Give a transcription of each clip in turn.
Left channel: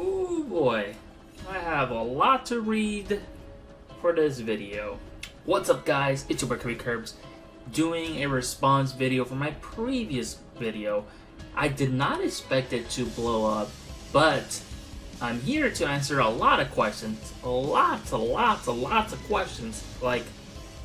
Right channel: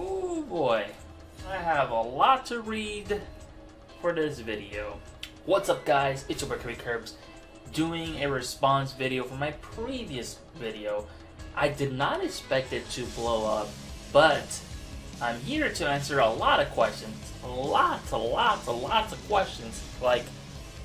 Oh boy, I have a lot to read for this video. What's up guys, it's your boy Curbs doing a response video for my previous video. I did not expect it to blow up, but I'm here to answer a lot of questions. Lots of questions. Like,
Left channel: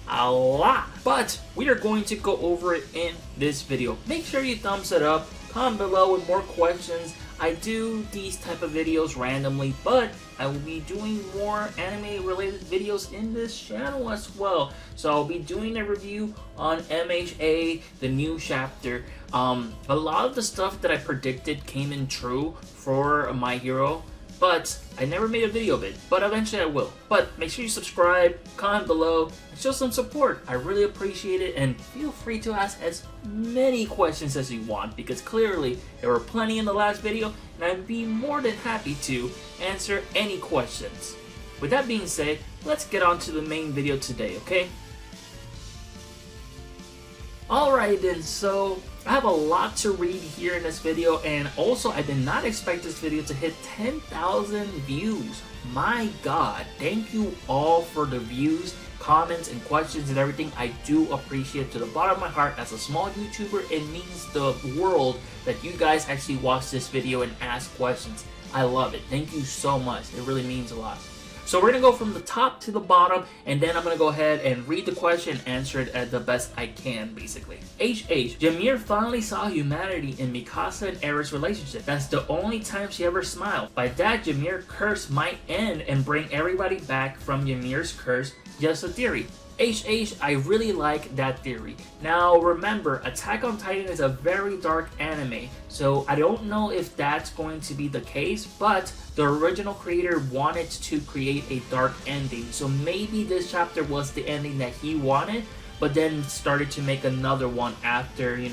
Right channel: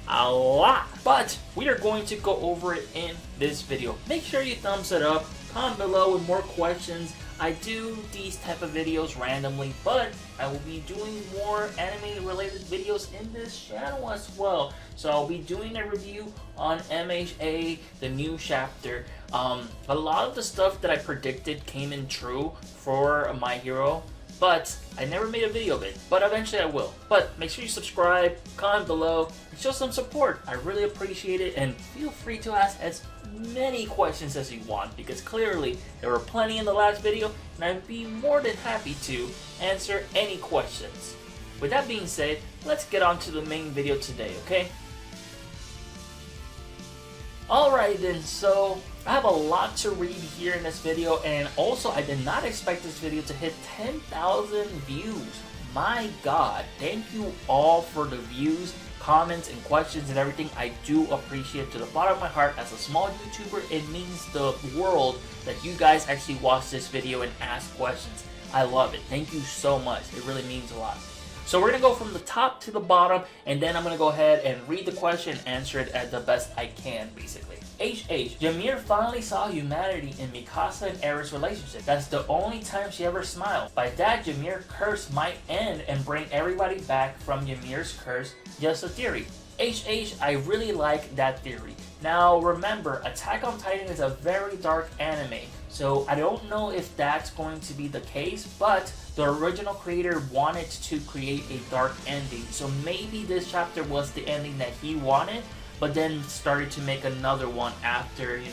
a lot. But we are going to go over it in this video. Make sure you thumbs it up. Comment below with more questions. I do these type of videos randomly, but I will be doing more anime related videos in this channel as well. So I'll be doing a review on MHA, the new chapter. A lot of the stuff that I predicted came in true for My Hero, but I never made a video of it, but eventually I will. But make sure you subscribe, comment below, and show some support. I really appreciate it, and feel free to ask as many questions as you want, because clearly there were plenty in the last video, and I'd be more than happy to answer any questions. With that being said, let's get on to the main video today, okay? Alright then, so I have a lot to read here in this video, and also I did not expect this video to hit 10,000 views. My god, thank you all for the views, comments, and questions and everything. I do appreciate it to the bottom of my heart. As a small YouTuber, it means the world that you guys actually watch this video and ask questions. I love it. Thank you so much. It really means a lot. So we're going to go from the top to the bottom, and then I'm going to go ahead and read the question and answer it at the best I can, basically. HH, Ymir finally saw humanity in Mikasa and Eren's relationship. That's the only time she ever smiled. By that, Ymir's curse might end and bring everybody back from Ymir's curse. Just a theory. HH, I really like that theory. Now remember, Attack on Titan is a very dark anime, so I don't know if that's going to be the case, but the original creator wanted to create a dark ending, so maybe this chapter was the ending that he wanted, but then started to make another one after, he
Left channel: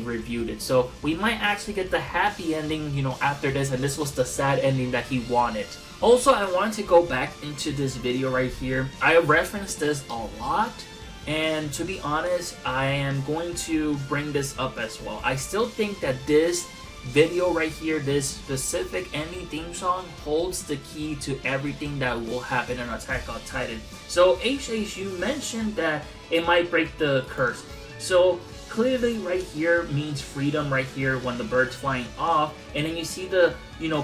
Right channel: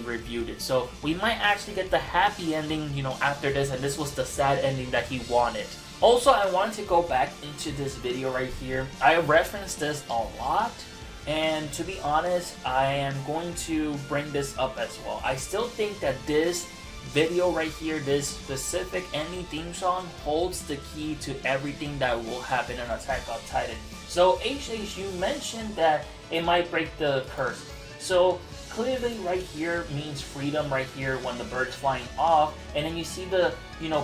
reviewed it. So we might actually get the happy ending, after this, and this was the sad ending that he wanted. Also, I wanted to go back into this video right here. I referenced this a lot, and to be honest, I am going to bring this up as well. I still think that this video right here, this specific ending theme song, holds the key to everything that will happen in Attack on Titan. So, HH, you mentioned that it might break the curse. So, clearly right here means freedom right here when the bird's flying off, and then you see the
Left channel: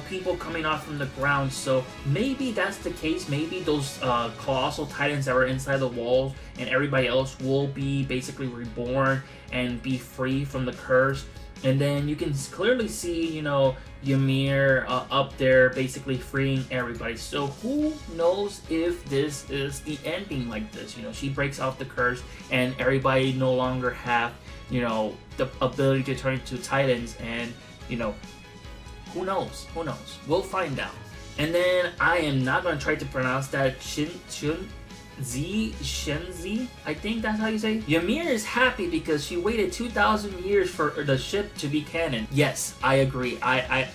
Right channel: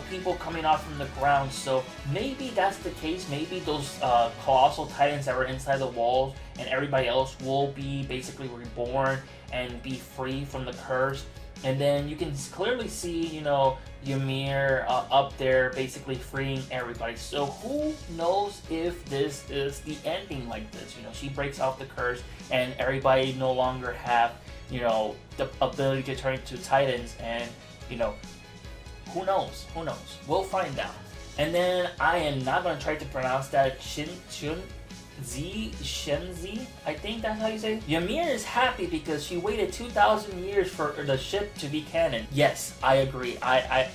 people coming off from the ground. So maybe that's the case. Maybe those colossal titans that were inside the walls and everybody else will be basically reborn and be free from the curse. And then you can clearly see Ymir up there basically freeing everybody. So who knows if this is the ending like this? She breaks off the curse and everybody no longer have the ability to turn into titans, and who knows? We'll find out. And then I am not going to try to pronounce that. Zchnzy, I think that's how you say it. Ymir is happy because she waited 2,000 years for the ship to be canon. Yes, I agree. I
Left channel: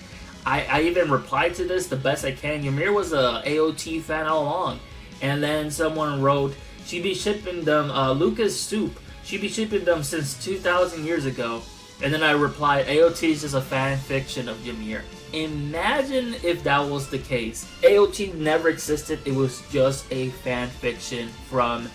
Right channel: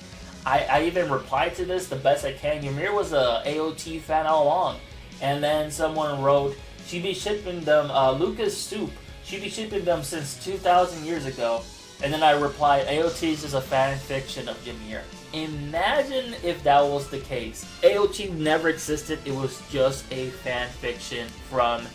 even replied to this the best I can. Ymir was a AoT fan all along. And then someone wrote, she'd be shipping them Lucas Soup. She'd be shipping them since 2,000 years ago. And then I replied, AoT is just a fan fiction of Ymir. Imagine if that was the case. AoT never existed, it was just a fan fiction from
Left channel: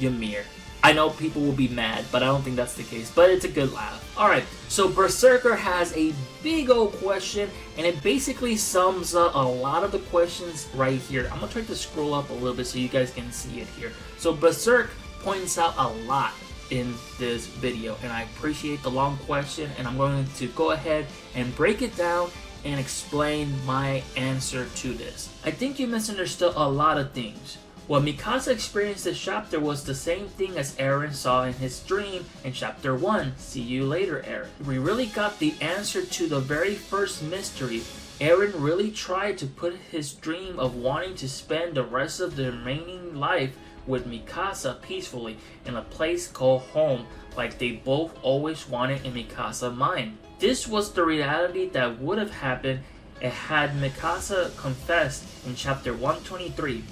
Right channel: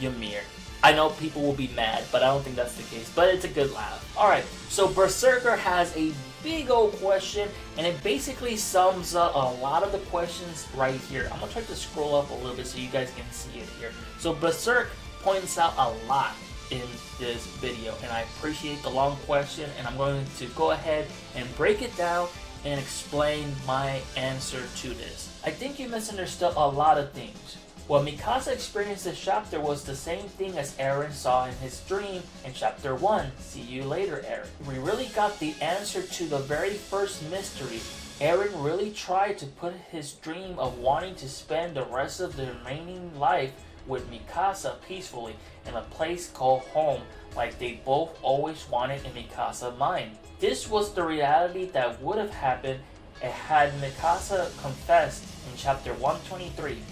Ymir. I know people will be mad, but I don't think that's the case, but it's a good laugh. Alright, so Berserker has a big old question, and it basically sums up a lot of the questions right here. I'm going to try to scroll up a little bit so you guys can see it here. So Berserk points out a lot in this video, and I appreciate the long question, and I'm going to go ahead and break it down and explain my answer to this. I think you misunderstood a lot of things. What Mikasa experienced this chapter was the same thing as Eren saw in his dream in chapter 1. See you later, Eren. We really got the answer to the very first mystery. Eren really tried to put his dream of wanting to spend the rest of the remaining life with Mikasa peacefully in a place called home, like they both always wanted in Mikasa's mind. This was the reality that would have happened had Mikasa confessed in chapter 123.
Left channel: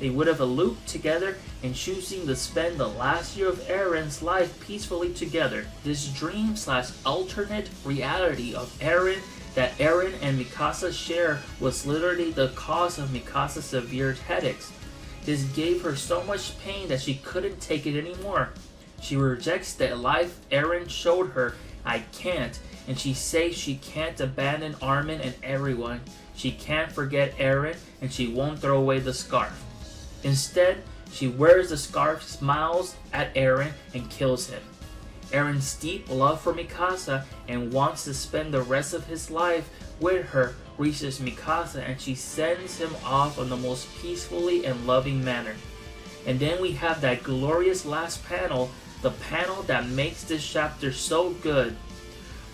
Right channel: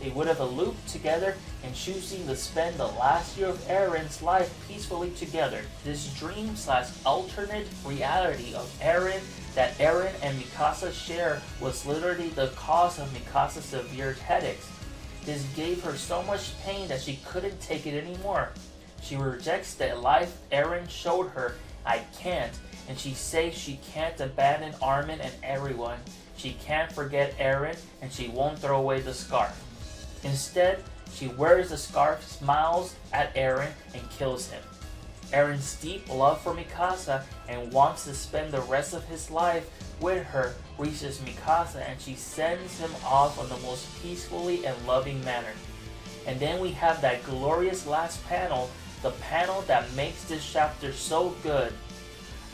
They would have eloped together and choosing to spend the last year of Eren's life peacefully together. This dream/alternate reality of Eren that Eren and Mikasa share was literally the cause of Mikasa's severe headaches. This gave her so much pain that she couldn't take it anymore. She rejects the life Eren showed her. I can't. And she says she can't abandon Armin and everyone. She can't forget Eren, and she won't throw away the scarf. Instead, she wears the scarf, smiles at Eren, and kills him. Eren's deep love for Mikasa and wants to spend the rest of his life with her reaches Mikasa, and she sends him off on the most peacefully and loving manner. And then we have that glorious last panel, the panel that makes this chapter so good.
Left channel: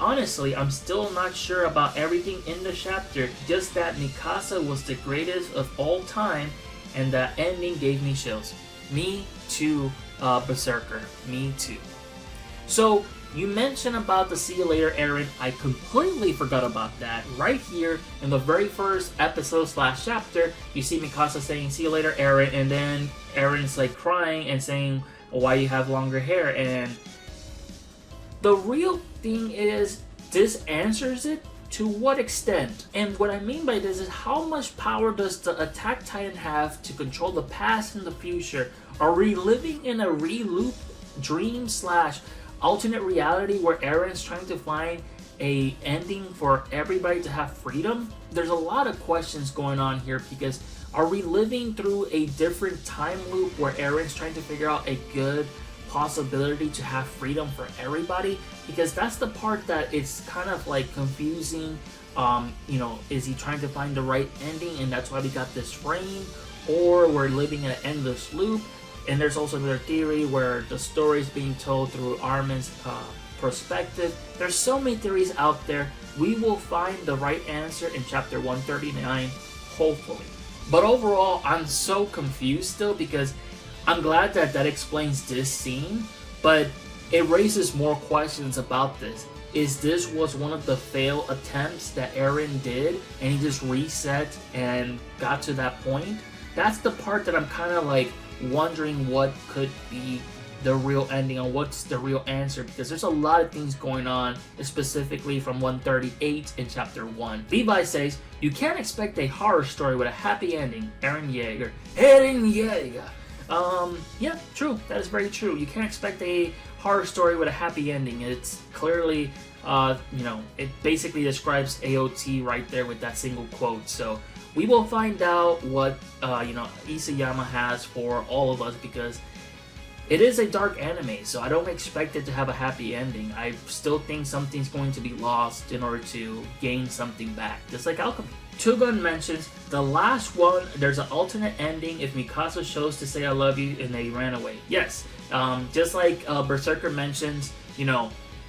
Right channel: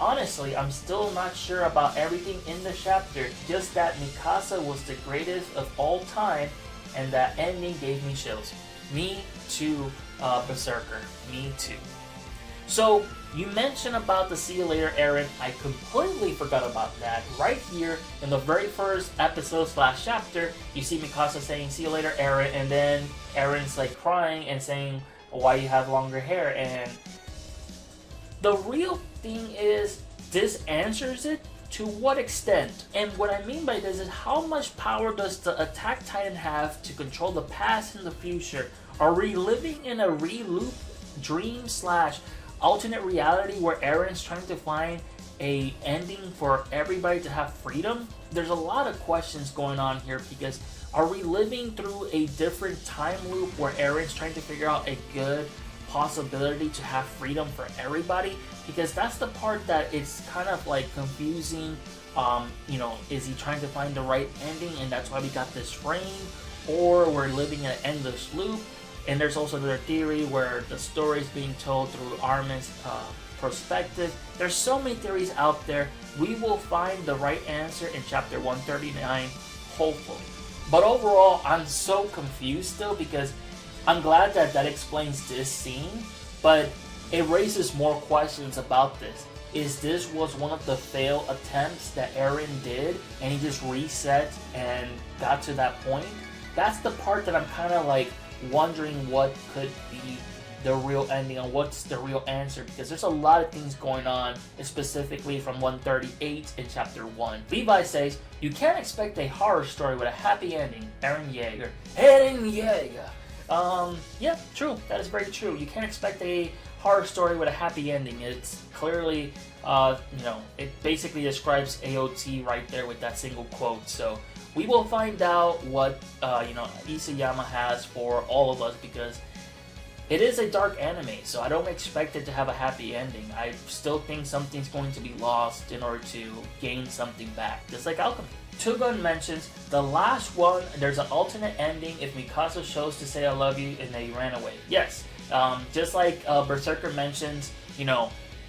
Honestly, I'm still not sure about everything in the chapter, just that Mikasa was the greatest of all time, and that ending gave me chills. Me too, Berserker. Me too. So, you mentioned about the see you later Eren. I completely forgot about that. Right here, in the very first episode / chapter, you see Mikasa saying, see you later Eren, and then Eren's like crying and saying, why you have longer hair, and the real thing is, this answers it. To what extent? And what I mean by this is, how much power does the Attack Titan have to control the past and the future? Are we living in a re-loop dream / alternate reality where Eren's trying to find a ending for everybody to have freedom? There's a lot of questions going on here, because are we living through a different time loop where Eren's trying to figure out a good possibility to have freedom for everybody? Because that's the part that it's kind of like confusing. Is he trying to find the right ending, and that's why we got this frame, or we're living in an endless loop? And there's also another theory where the story is being told through Armin's perspective. There's so many theories out there. We will find the right answer in chapter 139, hopefully. But overall, I'm so confused still, because I'm glad that that explains this scene, but it raises more questions about this. Is this was one of the failed attempts that Eren did, and he just reset and got to that point? That's the part that I'm kind of like wondering what could be the real ending, or what's the real answer, because there's a lot of things going on, specifically from 138 in chapter 1. Levi says, you can't expect a horror story with a happy ending. Eren Yeager. Eren Yeager. Yeah, true. That is very true. You can't expect a horror story with a happy ending. It's clearly, it basically describes AoT right there with that single quote. So we will find out what, Isayama has for all of us, because it is a dark anime, so I don't expect it to have a happy ending. I still think something's going to be lost in order to gain something back, just like Alchemy. Tugung mentions, the last one, there's an alternate ending if Mikasa chose to say I love you and they ran away. Yes, just like Berserker mentions,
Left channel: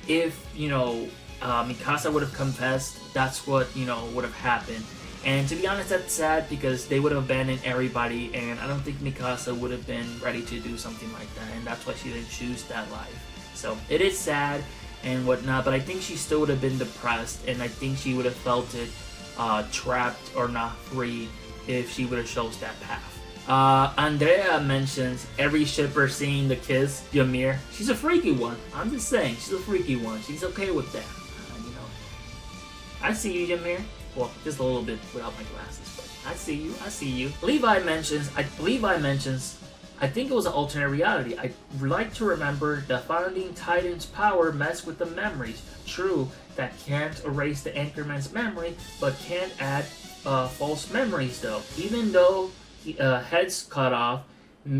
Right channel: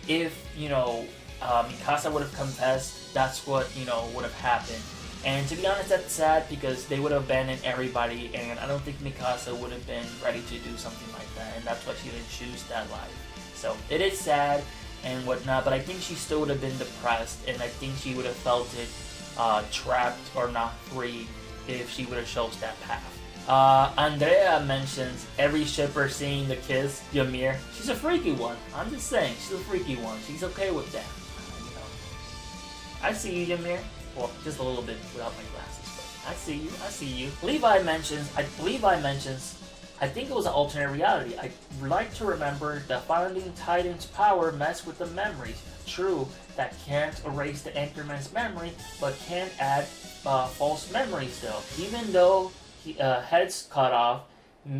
if, Mikasa would have confessed, that's what, would have happened. And to be honest, that's sad, because they would have abandoned everybody, and I don't think Mikasa would have been ready to do something like that, and that's why she didn't choose that life. So, it is sad and whatnot, but I think she still would have been depressed, and I think she would have felt it trapped or not free if she would have chose that path. Andrea mentions every shipper seeing the kiss, Ymir. She's a freaky one. I'm just saying, she's a freaky one. She's okay with that. I see you, Ymir. Well, just a little bit without my glasses. I see you. Levi mentions, I think it was an alternate reality. I'd like to remember the founding Titan's power messed with the memories. True, that can't erase the Anchorman's memory, but can add false memories though. Even though head's cut off,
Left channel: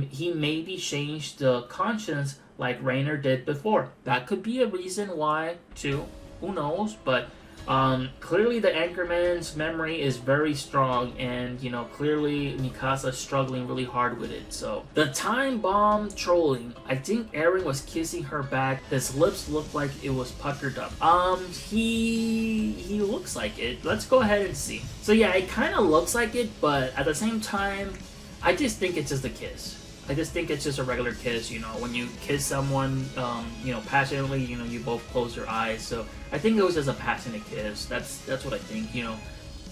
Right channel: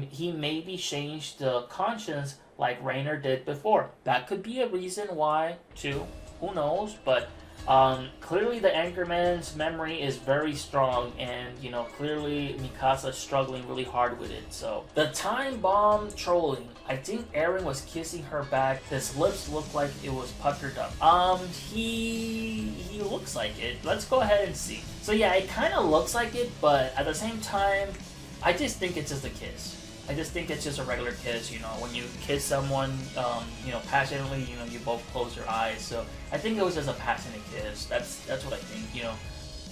he maybe changed the conscience like Rainer did before. That could be a reason why too. Who knows? But clearly the Anchorman's memory is very strong, and clearly Mikasa's struggling really hard with it. So the time bomb trolling, I think Eren was kissing her back. His lips looked like it was puckered up. He looks like it. Let's go ahead and see. So yeah, it kind of looks like it, but at the same time, I just think it's just a kiss. I just think it's just a regular kiss, when you kiss someone, passionately, you both close your eyes. So I think it was just a passionate kiss. That's what I think,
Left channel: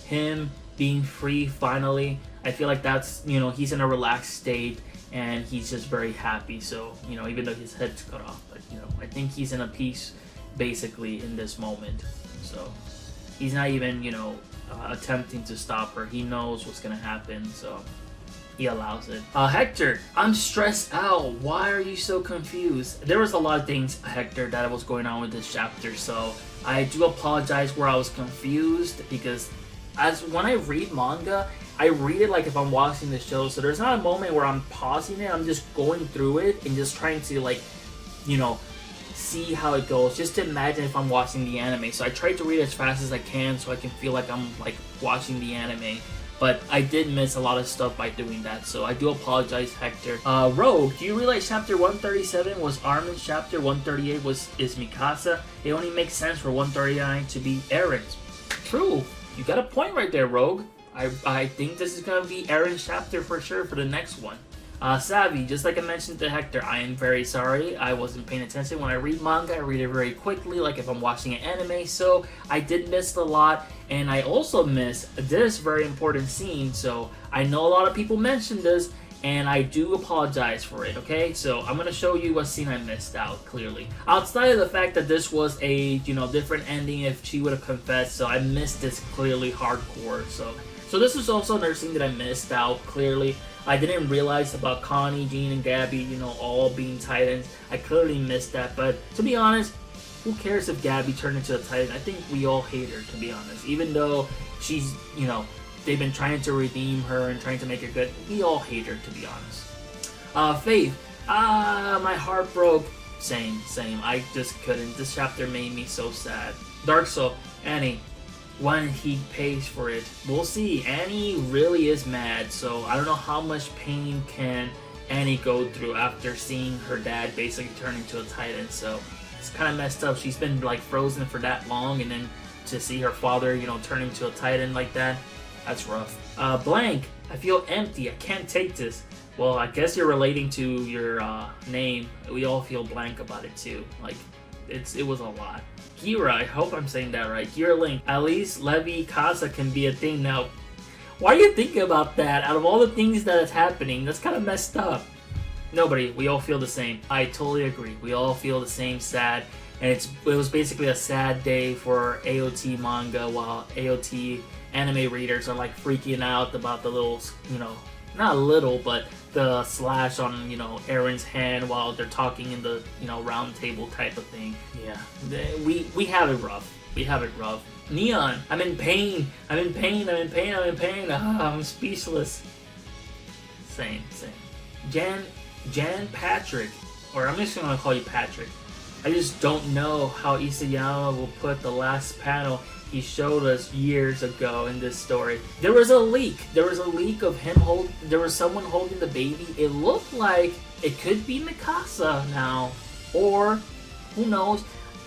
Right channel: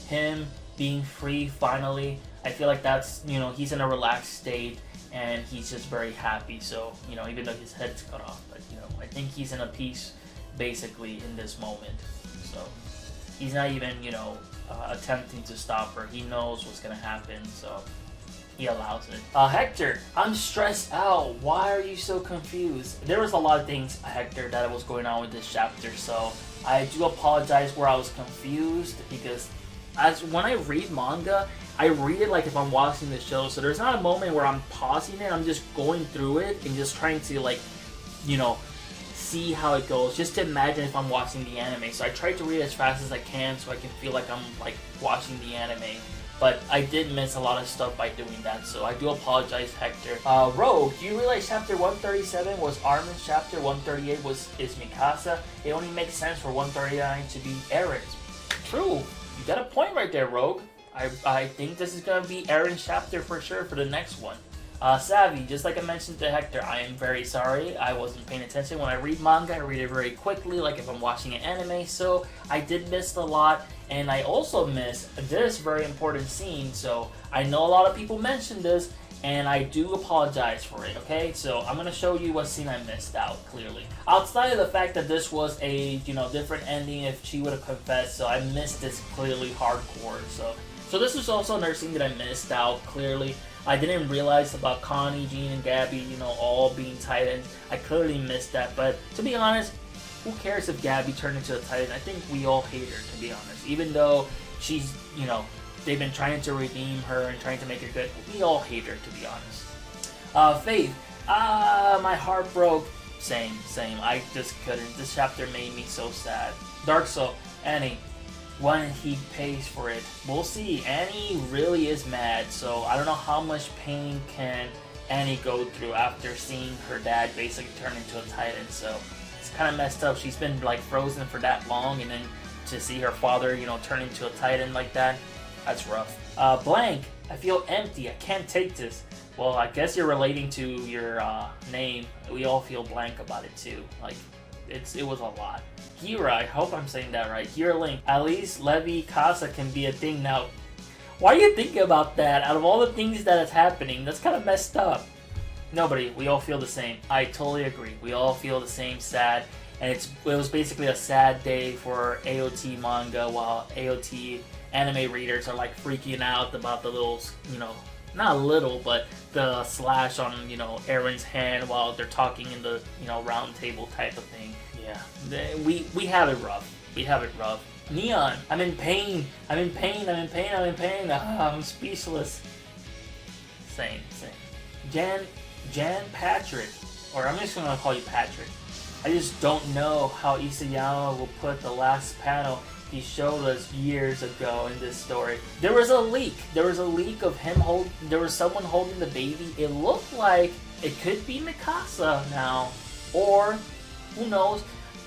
him being free finally. I feel like that's, he's in a relaxed state and he's just very happy. So, even though his head's cut off, but, I think he's in a peace basically in this moment. So he's not even, you know, attempting to stop her. He knows what's gonna happen, so he allows it. Hector, I'm stressed out. Why are you so confused? There was a lot of things, Hector, that was going on with this chapter, so I do apologize where I was confused, because as when I read manga, I read it like if I'm watching the show, so there's not a moment where I'm pausing it. I'm just going through it and just trying to, like, you know, see how it goes, just to imagine if I'm watching the anime. So I try to read as fast as I can so I can feel like I'm like watching the anime. But I did miss a lot of stuff by doing that, so I do apologize, Hector. Rogue, do you realize chapter 137 was Armin's chapter, 138 is Mikasa? It only makes sense for 139 to be Eren's. True, you got a point right there, Rogue. I think this is going to be Eren's chapter for sure for the next one. Savvy, just like I mentioned to Hector, I am very sorry. I wasn't paying attention. When I read manga, I read it very quickly, like if I'm watching an anime, so I did miss a lot, and I also missed this very important scene, so I know a lot of people mentioned this, and I do apologize for it, okay? So I'm going to show you what scene I missed out, clearly. Outside of the fact that this was a, you know, different ending if she would have confessed, so I missed this clearly hardcore, so this is also another scene that I missed out, clearly. I didn't realize about Connie, Jean, and Gabby, you know, all being Titans. I clearly missed that, but to be honest, who cares if Gabby turned into a Titan? I think we all hate her, to be honest. Even though she's, you know, they've been trying to redeem her and trying to make her good, we all hate her, to be honest. Faith, my heart broke. Same. I just couldn't. This chapter made me so sad. Dark Soul, Annie. When he pays for it. We'll see. Annie really is mad, so I don't know how much pain can Annie go through after seeing her dad basically turn into a Titan, so it's kind of messed up. She's been like frozen for that long, and then to see her father, you know, turn into a Titan like that, that's rough. Blank, I feel empty. I can't take this. Well, I guess you're relating to your name. We all feel blank about it too. Like, it was a lot. Ghira, I hope I'm saying that right. GhiraLink, at least Levi Casa can be a thing now. Why are you thinking about that? Out of all the things that is happening, that's kind of messed up. Nobody, we all feel the same. I totally agree. We all feel the same sad. And it was basically a sad day for AoT manga, while AoT anime readers are like freaking out about the little, you know, not a little, but the slash on, you know, Eren's hand while they're talking in the, you know, round table type of thing. Yeah, we have it rough. We have it rough. Neon, I'm in pain. I'm in pain. I'm speechless. Same. Jan Patrick, or I'm just gonna call you Patrick. I just don't know how Isayama will put the last panel he showed us years ago in this story. There was a leak. There was a leak of him there was someone holding the baby. It looked like it could be Mikasa now, or who knows.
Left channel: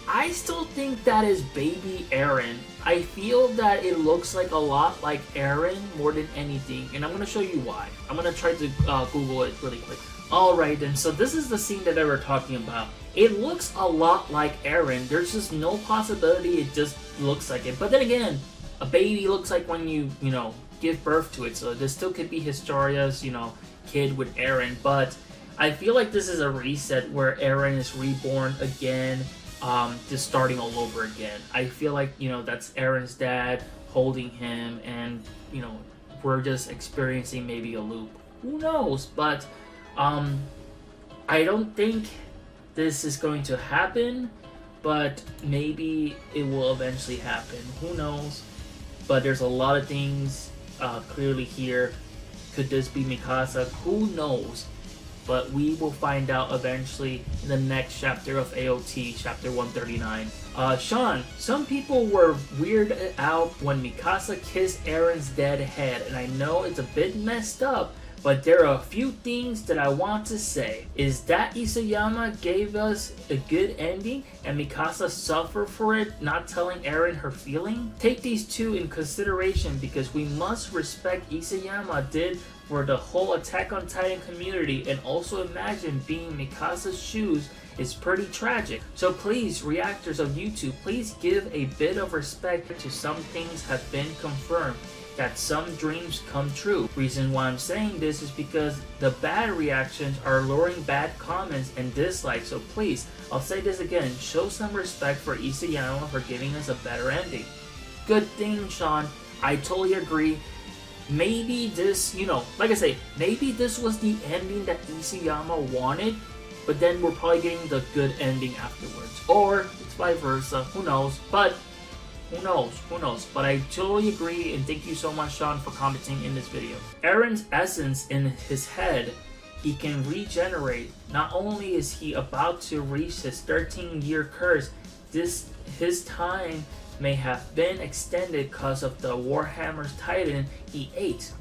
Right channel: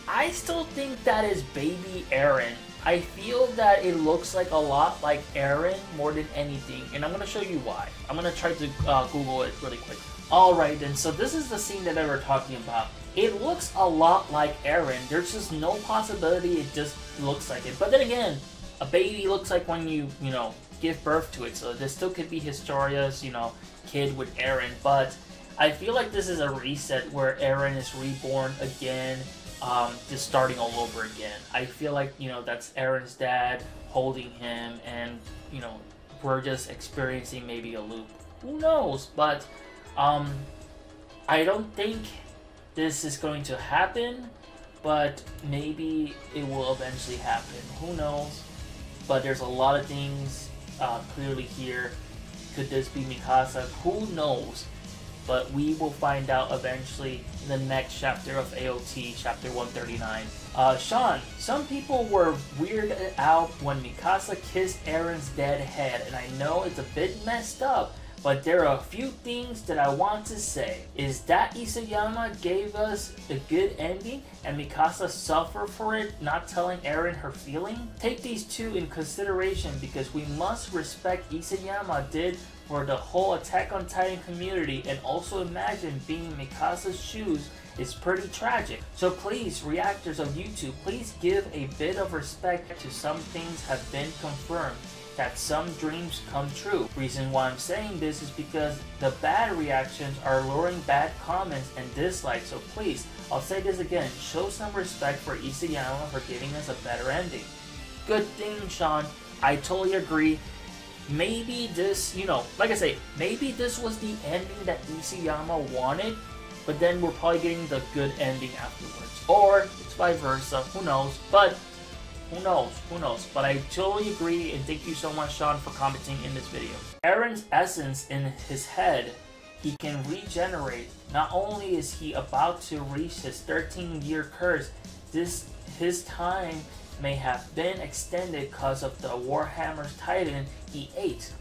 I still think that is baby Eren. I feel that it looks like a lot like Eren more than anything, and I'm going to show you why. I'm going to try to Google it really quick. Alright then, so this is the scene that they were talking about. It looks a lot like Eren. There's just no possibility it just looks like it. But then again, a baby looks like when you know, give birth to it, so this still could be Historia's, you know, kid with Eren, but I feel like this is a reset where Eren is reborn again, just starting all over again. I feel like, you know, that's Eren's dad holding him, and, you know, we're just experiencing maybe a loop. Who knows? But I don't think this is going to happen, but maybe it will eventually happen. Who knows? But there's a lot of things clearly here. Could this be Mikasa? Who knows? But we will find out eventually in the next chapter of AoT, chapter 139. Shaun, some people were weirded out when Mikasa kissed Eren's dead head, and I know it's a bit messed up, but there are a few things that I want to say. Is that Isayama gave us a good ending and Mikasa suffered for it, not telling Eren her feeling? Take these two in consideration, because we must respect Isayama did for the whole Attack on Titan community, and also imagine being in Mikasa's shoes is pretty tragic. So please, reactors of YouTube, please give a bit of respect to some things have been confirmed, that some dreams come true. Reason why I'm saying this is because the bad reactions are luring bad comments and dislikes, so please, I'll say this again, show some respect for Isayama for giving us a better ending. good thing, Shaun. I totally agree. Maybe this, like I say, maybe this was the ending that Isayama wanted, but then we're probably getting the good ending afterwards. Or it's vice versa, who knows, but who knows. But I totally agree, and thank you so much, Shaun, for commenting in this video. Eren's essence in his head, he can regenerate. Not only is he about to reach his 13-year curse, his time may have been extended because of the Warhammer's Titan he ate.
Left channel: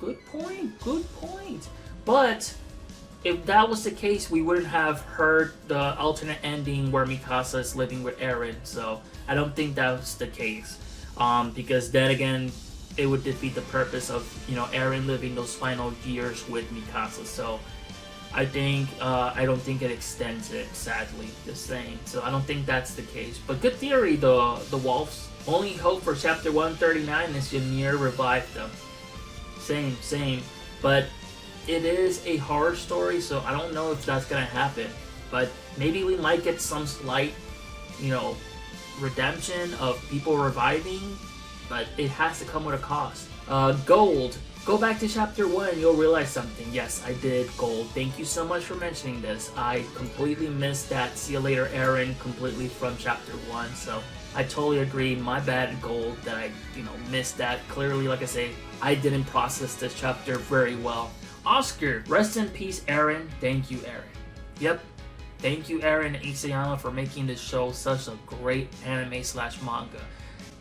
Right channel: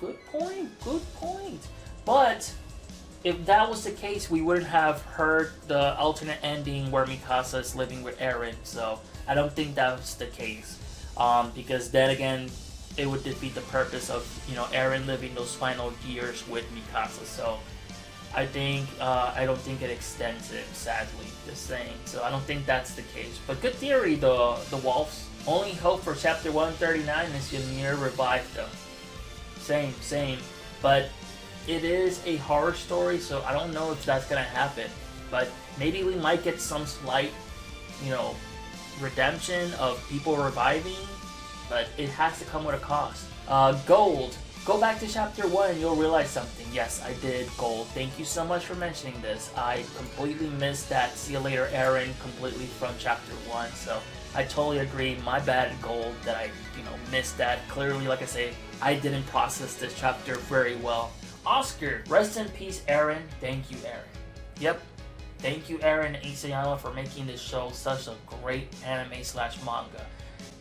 Good point. But if that was the case, we wouldn't have heard the alternate ending where Mikasa is living with Eren. So I don't think that's the case. Because then again, it would defeat the purpose of Eren living those final years with Mikasa. So I don't think it extends it, sadly, the same. So I don't think that's the case. But good theory, the Wafls. Only hope for chapter 139 is Ymir revived them. Same. But it is a horror story, so I don't know if that's gonna happen. But maybe we might get some slight, redemption of people reviving. But it has to come with a cost. Gold. Go back to chapter 1 and you'll realize something. Yes, I did, Gold. Thank you so much for mentioning this. I completely missed that see you later Eren completely from chapter 1, so I totally agree. My bad, Gold, that I, missed that. Clearly, like I say, I didn't process this chapter very well. Oskar, rest in peace, Eren. Thank you, Eren. Yep. Thank you, Eren and Isayama, for making this show such a great anime/manga.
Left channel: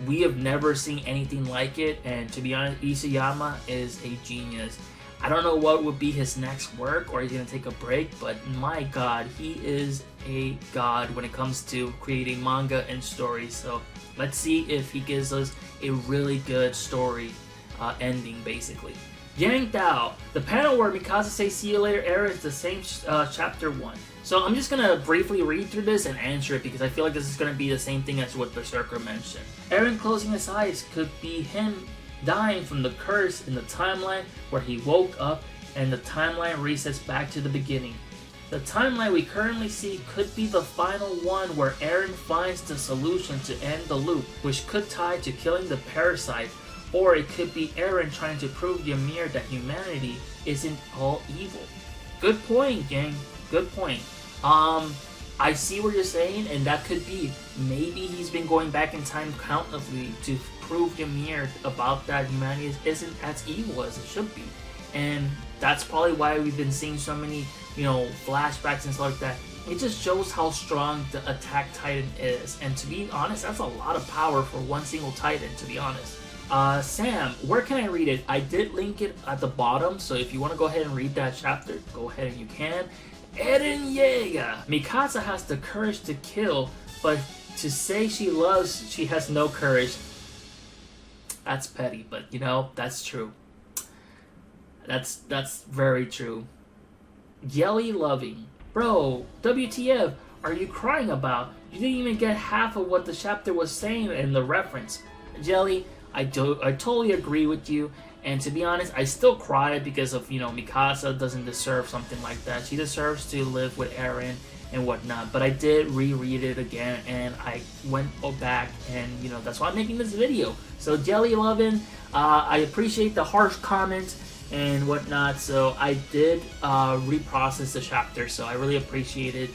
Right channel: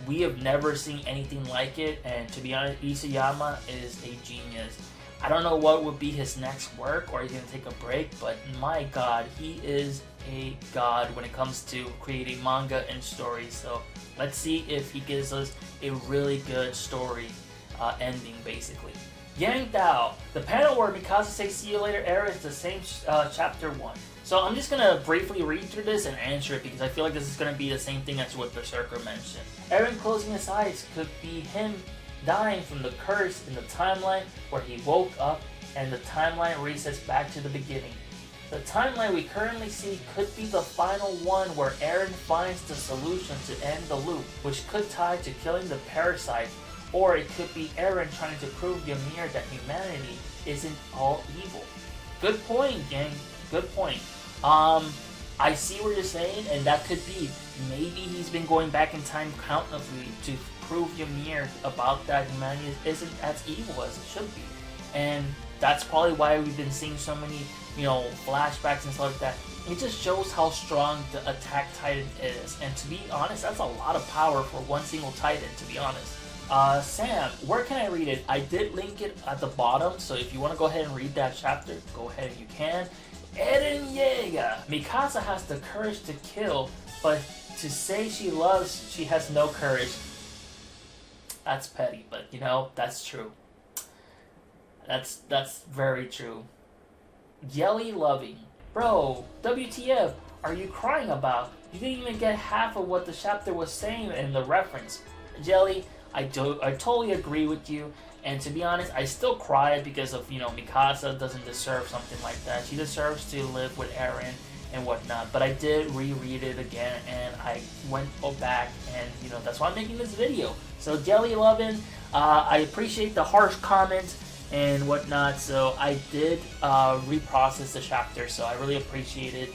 We have never seen anything like it, and to be honest, Isayama is a genius. I don't know what would be his next work, or he's going to take a break, but my god, he is a god when it comes to creating manga and stories. So let's see if he gives us a really good story ending, basically. Yang Dao, the panel where Mikasa says see you later Eren is the same chapter 1. So I'm just going to briefly read through this and answer it because I feel like this is going to be the same thing as what Berserker mentioned. Eren closing his eyes could be him dying from the curse in the timeline where he woke up and the timeline resets back to the beginning. The timeline we currently see could be the final one where Eren finds the solution to end the loop, which could tie to killing the parasite, or it could be Eren trying to prove Ymir that humanity isn't all evil. Good point, gang. Good point. I see what you're saying, and that could be. Maybe he's been going back in time countlessly to prove Ymir about that humanity isn't as evil as it should be. And that's probably why we've been seeing so many, flashbacks and stuff like that. It just shows how strong the Attack Titan is. And to be honest, that's a lot of power for one single Titan, to be honest. Sam, where can I read it? I did link it at the bottom, so if you want to go ahead and read that chapter, go ahead and you can. Eren Yeager. Mikasa has the courage to kill, but to say she loves, she has no courage. That's petty, but that's true. That's very true. Yelly loving. Bro, WTF are you crying about? You didn't even get half of what the chapter was saying in the reference. Jelly, I totally agree with you. And to be honest, I still cry because of, Mikasa doesn't deserve something like that. She deserves to live with Eren and whatnot. But I did reread it again and I went back and, that's why I'm making this video. So Jelly Lovin', I appreciate the harsh comments and whatnot. So I did reprocess the chapter, so I really appreciate it.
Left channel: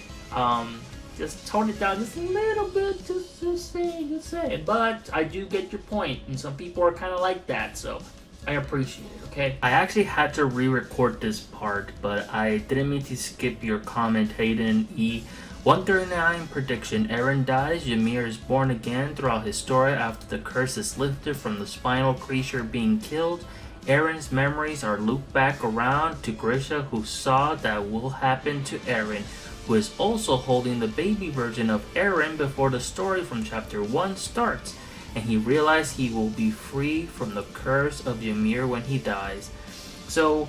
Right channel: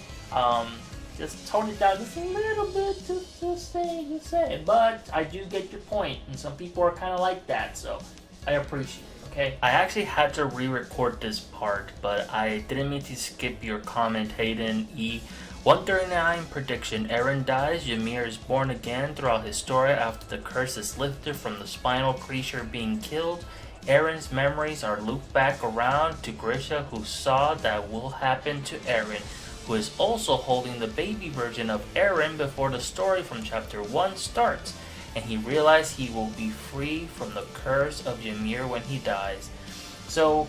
Just tone it down just a little bit, just saying. But I do get your point, and some people are kind of like that, so I appreciate it, okay? I actually had to re-record this part, but I didn't mean to skip your comment, Hayden E. 139 prediction, Eren dies, Ymir is born again throughout his story after the curse is lifted from the spinal creature being killed. Eren's memories are looped back around to Grisha, who saw that will happen to Eren, who is also holding the baby version of Eren before the story from chapter 1 starts, and he realized he will be free from the curse of Ymir when he dies. So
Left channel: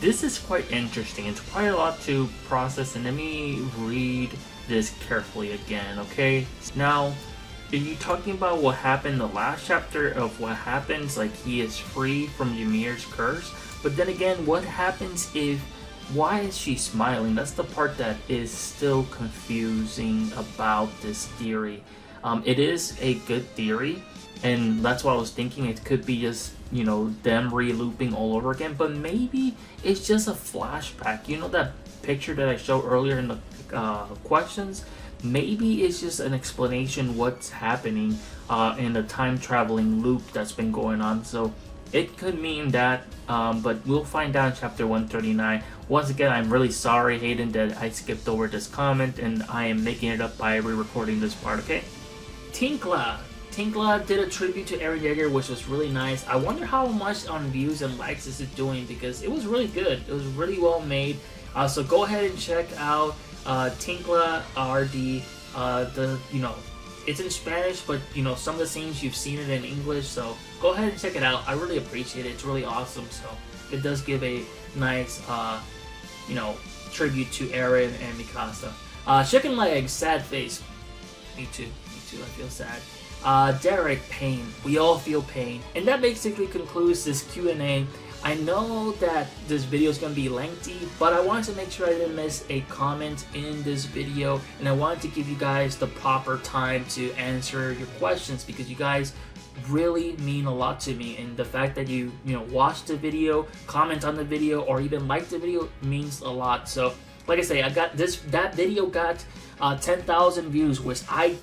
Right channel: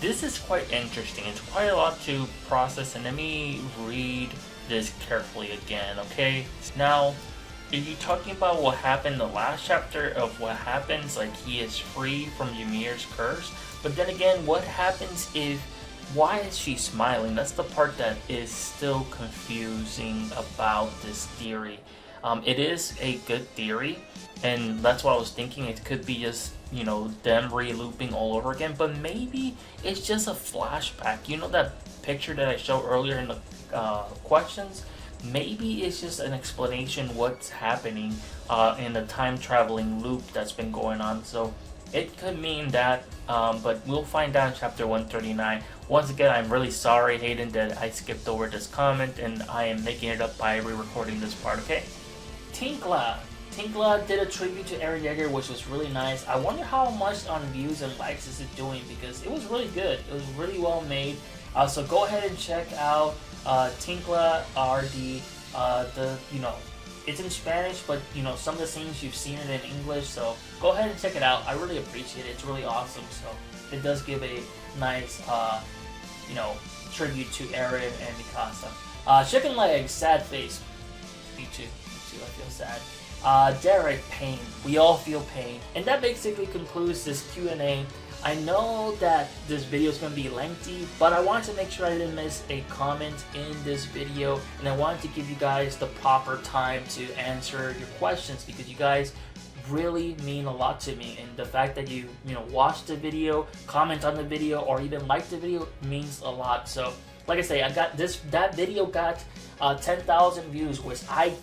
this is quite interesting. It's quite a lot to process, and let me read this carefully again, okay? Now, are you talking about what happened in the last chapter of what happens, like he is free from Ymir's curse? But then again, what happens if, why is she smiling? That's the part that is still confusing about this theory. It is a good theory, and that's what I was thinking. It could be just, you know, them re-looping all over again, but maybe it's just a flashback. You know that picture that I showed earlier in the questions? Maybe it's just an explanation what's happening in the time traveling loop that's been going on. So it could mean that, but we'll find out in chapter 139. Once again, I'm really sorry, Hayden, that I skipped over this comment, and I am making it up by re-recording this part, okay? Tincla did a tribute to Eren Yeager, which was really nice. I wonder how much on views and likes is it doing, because it was really good. It was really well made. So go ahead and check out Tincla RD. You know, it's in Spanish, but you know, some of the scenes you've seen it in English, so go ahead and check it out. I really appreciate it. It's really awesome. So it does give a nice you know, tribute to Eren and Mikasa. Chicken Legs, sad face. Me too, I feel sad. Derek, pain. We all feel pain. And that basically concludes this Q&A. I know that this video is going to be lengthy, but I wanted to make sure I didn't miss a comment in this video, and I wanted to give you guys the proper time to answer your questions, because you guys really mean a lot to me, and the fact that you know, watch the video, comment on the video, or even like the video means a lot. So like I say, that video got 10,000 views, which I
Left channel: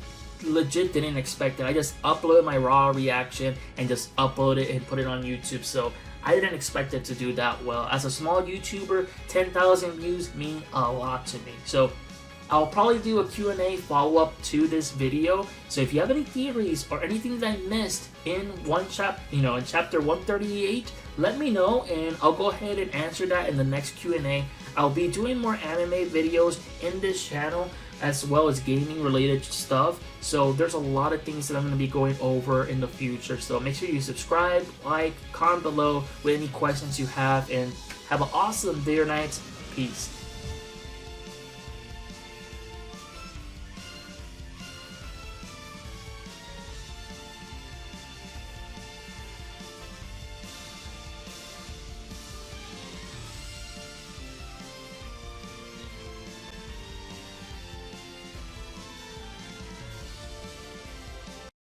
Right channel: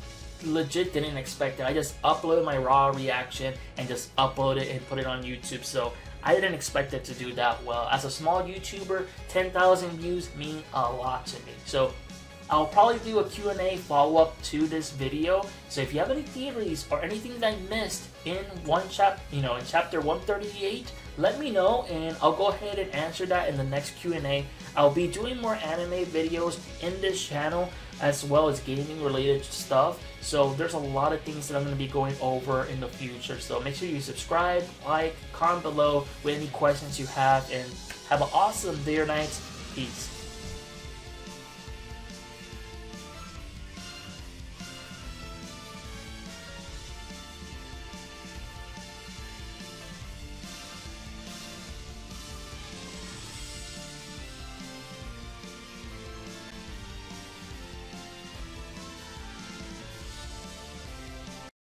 legit didn't expect it. I just uploaded my raw reaction and just uploaded it and put it on YouTube. So I didn't expect it to do that well. As a small YouTuber, 10,000 views mean a lot to me. So I'll probably do a Q&A follow-up to this video. So if you have any theories or anything that I missed in in chapter 138, let me know, and I'll go ahead and answer that in the next Q&A. I'll be doing more anime videos in this channel, as well as gaming related stuff. So there's a lot of things that I'm going to be going over in the future. So make sure you subscribe, like, comment below with any questions you have, and have an awesome day or night. Peace.